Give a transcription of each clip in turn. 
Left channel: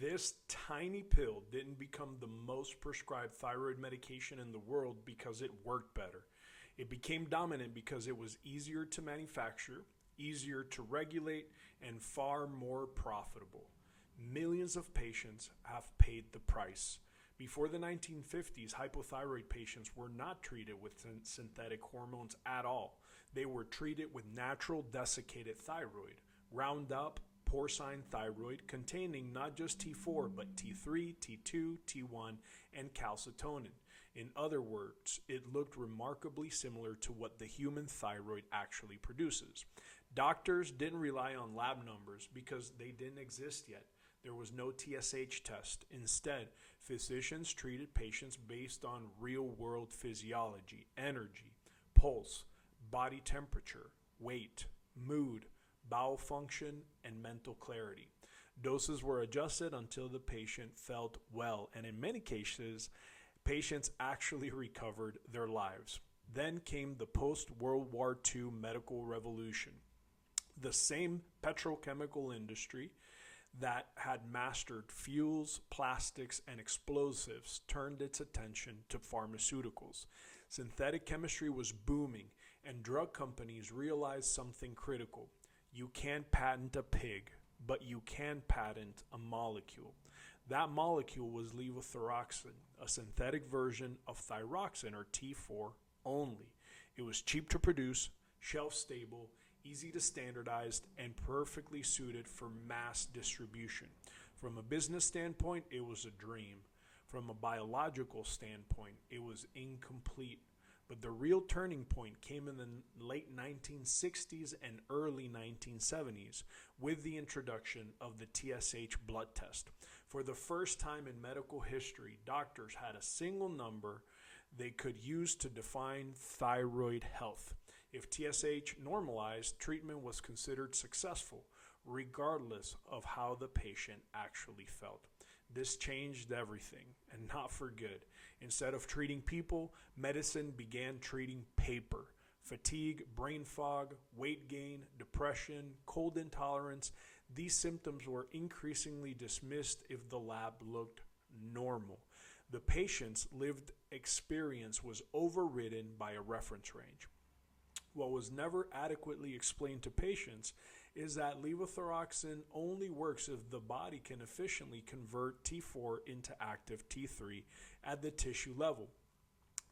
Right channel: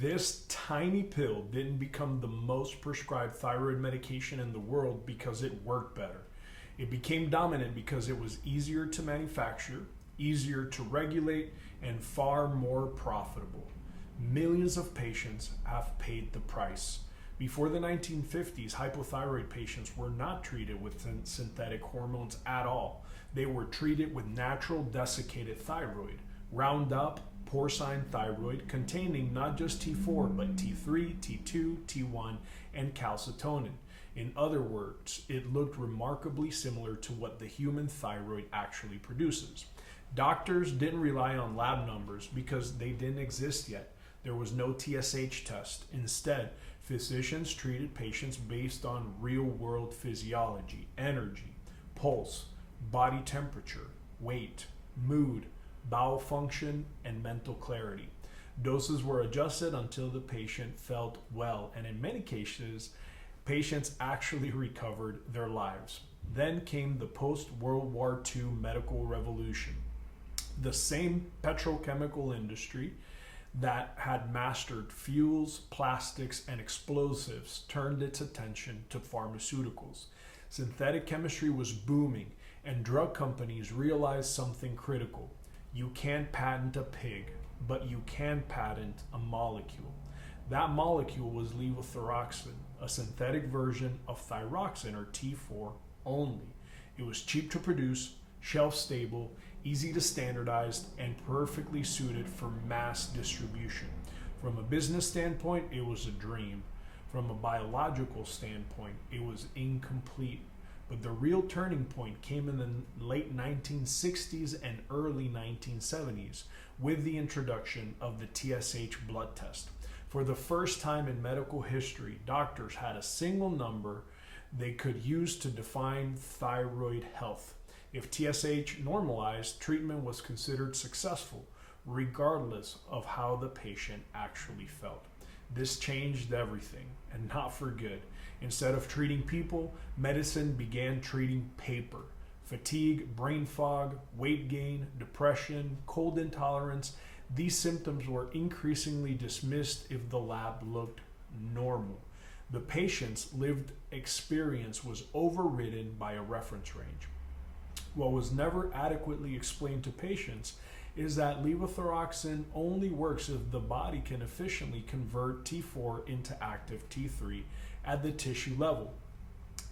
This tiny pill didn't become the most prescribed thyroid medication in the world because it worked better. It became dominant because it was easier to manufacture, easier to regulate, and far more profitable. Millions of patients have paid the price. Before the 1950s, hypothyroid patients were not treated with synthetic hormones at all. They were treated with natural desiccated thyroid, Roundup, porcine thyroid, containing not just T4, but T3, T2, T1, and calcitonin. In other words, it looked remarkably similar to what the human thyroid actually produces. Doctors didn't rely on lab numbers because they didn't exist yet. There was no TSH test. Instead, physicians treated patients based on real-world physiology, energy, pulse, body temperature, weight, mood, bowel function, and mental clarity. Doses were adjusted until the patient felt well, and in many cases, patients actually recovered their lives. Then came the post-World War II medical revolution. The same petrochemical industry that had mastered fuels, plastics, and explosives turned its attention to pharmaceuticals. Synthetic chemistry was booming, and drug companies realized something critical. You can't patent a pig, but you can patent a molecule. That molecule was levothyroxine, a synthetic version of thyroxine, or T4, only. It was cheap to produce, shelf-stable, easy to standardize, and perfectly suited for mass distribution. From a business standpoint, it was a dream. From a biological standpoint, it was incomplete. But the real turning point came in the late 1960s and early 1970s with the introduction of the TSH blood test. For the first time in medical history, doctors had a single number they could use to define thyroid health. If TSH normalized, treatment was considered successful, regardless of how the patient actually felt. This changed everything, and not for good. Instead of treating people, medicine began treating paper. Fatigue, brain fog, weight gain, depression, cold intolerance, these symptoms were increasingly dismissed if the lab looked normal. The patient's lived experience was overridden by a reference range. What was never adequately explained to patients is that levothyroxine only works if the body can efficiently convert T4 into active T3 at the tissue level.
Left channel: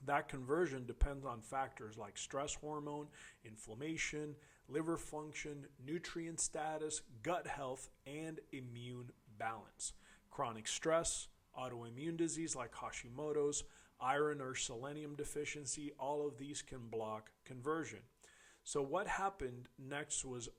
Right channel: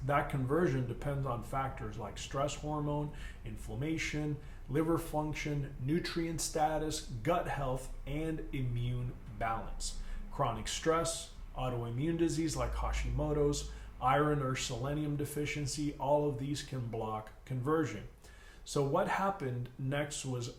That conversion depends on factors like stress hormone, inflammation, liver function, nutrient status, gut health, and immune balance. Chronic stress, autoimmune disease like Hashimoto's, iron or selenium deficiency, all of these can block conversion. So what happened next was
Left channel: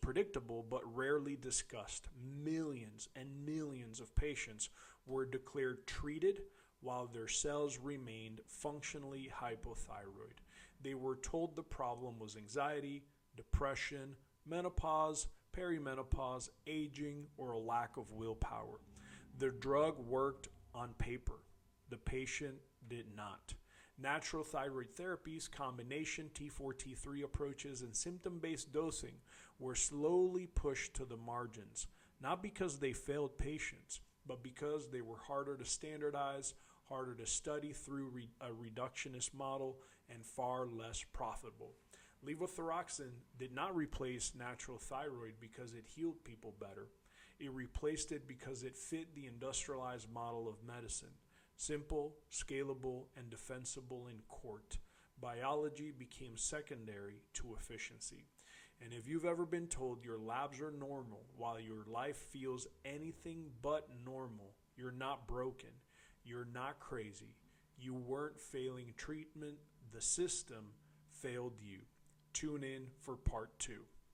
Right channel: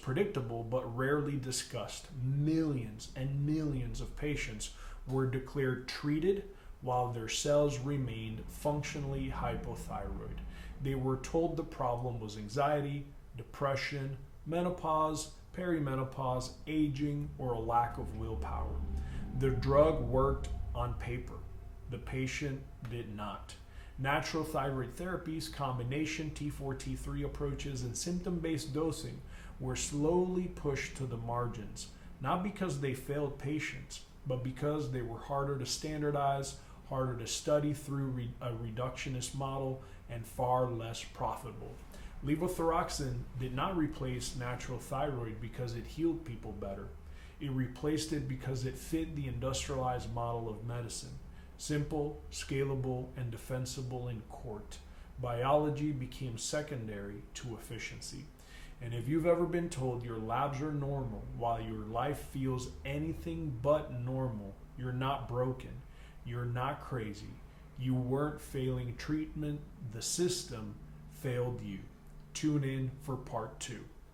predictable but rarely discussed. Millions and millions of patients were declared treated while their cells remained functionally hypothyroid. They were told the problem was anxiety, depression, menopause, perimenopause, aging, or a lack of willpower. The drug worked on paper. The patient did not. Natural thyroid therapies, combination T4-T3 approaches, and symptom-based dosing were slowly pushed to the margins, not because they failed patients, but because they were harder to standardize, harder to study through a reductionist model, and far less profitable. Levothyroxine did not replace natural thyroid because it healed people better. It replaced it because it fit the industrialized model of medicine. Simple, scalable, and defensible in court. Biology became secondary to efficiency. And if you've ever been told your labs are normal while your life feels anything but normal, you're not broken. You're not crazy. You weren't failing treatment. The system failed you. Tune in for part 2.